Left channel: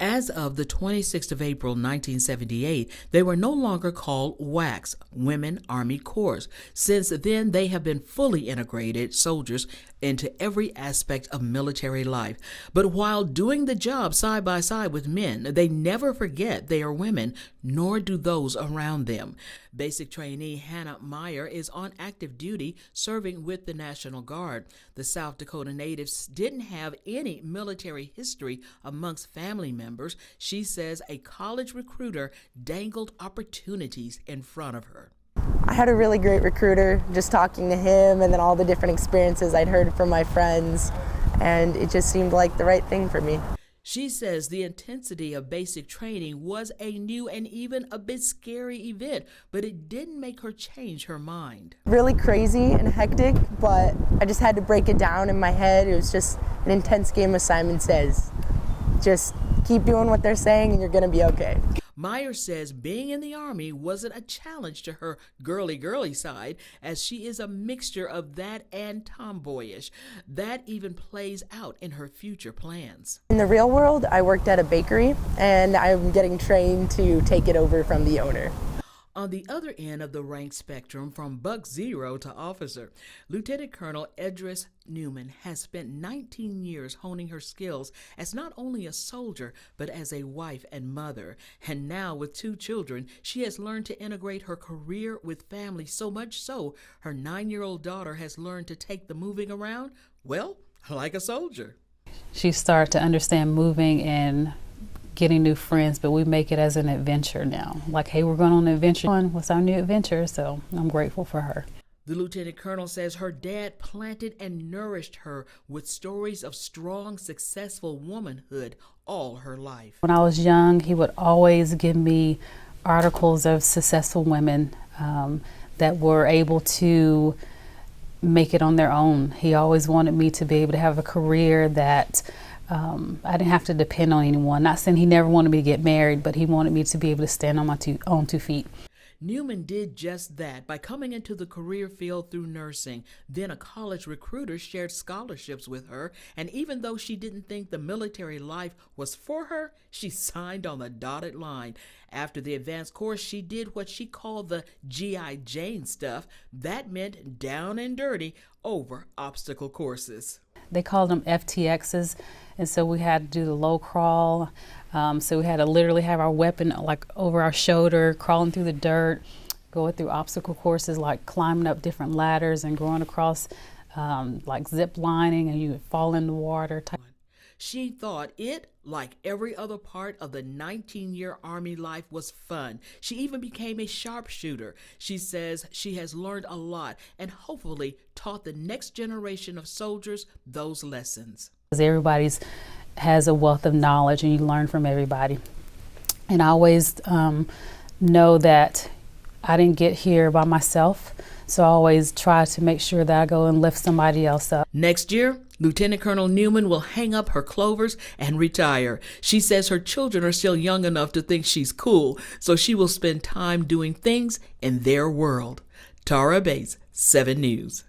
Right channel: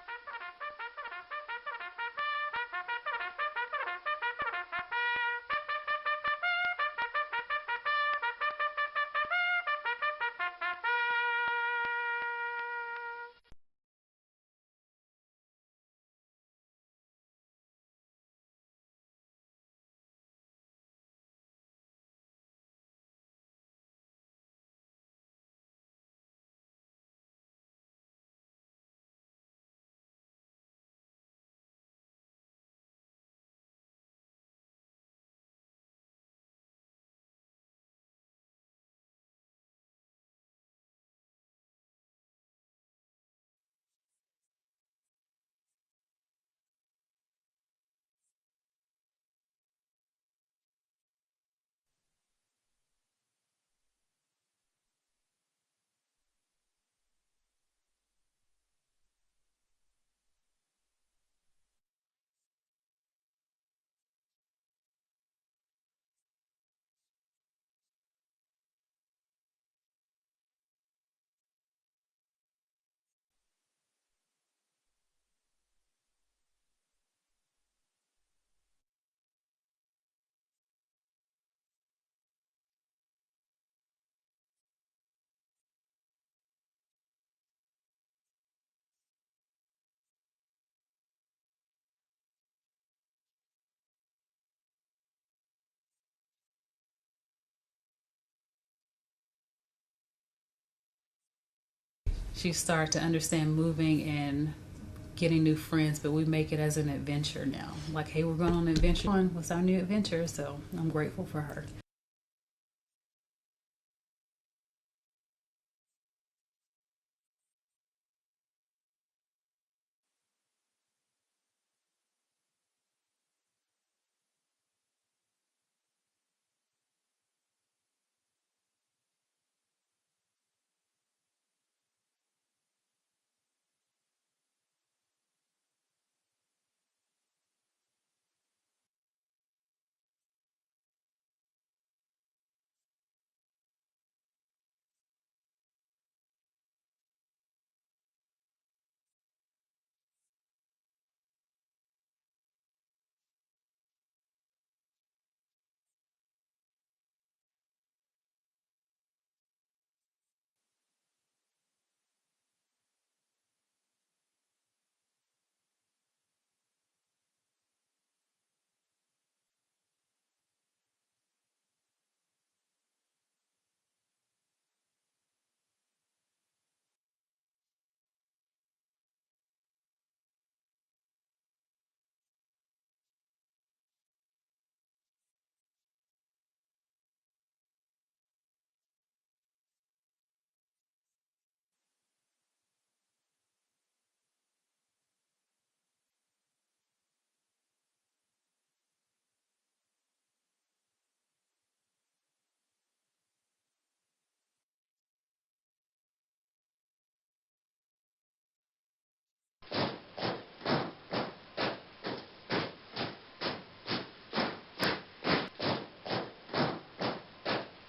As of the 26th of April 1978, they were no longer called WACs, Women Army Corps. Since then, they have been fully integrated soldiers into every aspect of military life. But while doing the job side by side with men, they never forget they are women, nor do those around them. Basic trainee Hannah Meyer is on active duty serving with the National Guard. The South Dakota natives didn't have any military history amongst family members. She says a college recruiter dangled opportunities in front of her. I had a really great recruiter, just talking to him and then all the different experiences I'd heard from my friends, and it just seemed like the right thing for me. She says the intensity of basic training was a new and even a bit scary event, but it didn't make her change her mind. Really crazy and hectic, but I just had to break it down in my head. It was just an intense game of Simon Says. Just keep doing what they're saying and you're gonna be okay. Meyer says being in the Army wasn't a challenge to her girly side, as she is a mixture of that and tomboyish. That even plays out in her future plans. In the real world, I worked at a bakery and I'm getting trained to take it over from the owner. On the other end of the rank spectrum, from Buck Zero to officer, Lieutenant Colonel Edris Newman has spent 19 years honing her skills as not only a soldier, but as a wife and mother. And now with 2 children, she has learned to integrate her career with family, so much so her 9-year-old daughter has learned to take the moving around, well, like a soldier. She started to understand moving and getting new friends, but we make it as an adventure now. Like, hey, we're going on an adventure. What's our new adventure? So I'm grateful for her. The lieutenant colonel says her dad planted and nourished her with stories of strong, successful womanhood all her life. When I was young, he would always give me articles of successful women that were able to make it on their own. He always wanted me to be able to have a career that I didn't have to depend on anyone. Not saying he never wanted me to get married, but he wanted me to be able to stand on my own 2 feet. Newman did just that by coming into the career field through nursing. Then a college recruiter shared scholarships with her, and even though she didn't think the military life was for her, she signed on the dotted line. After the advanced course, she did what she called the G.I. Jane stuff. That meant down and dirty over obstacle courses. They called them FTXs, and so we had to do the low crawl. So we had to literally have our weapon like over our shoulder, crawling through the dirt, going through obstacle courses like climbing up different ladders and going across like zip lining, and you would fall in the water. She thought it, like every other part of the 19-year Army life, was fun. She even became a sharpshooter. She says she has learned a lot and hopefully taught the next generation of soldiers those lessons. Everybody's has a wealth of knowledge and you learn from everybody. And I always know that I didn't get here by myself, so I always try to make sure that I go and lift somebody else up. Next year, Lieutenant Colonel Newman will hang up her clovers and retire. She says her children are still young enough to think she's cool, so she will spend time doing things in their world. Tara Bates, 7 News.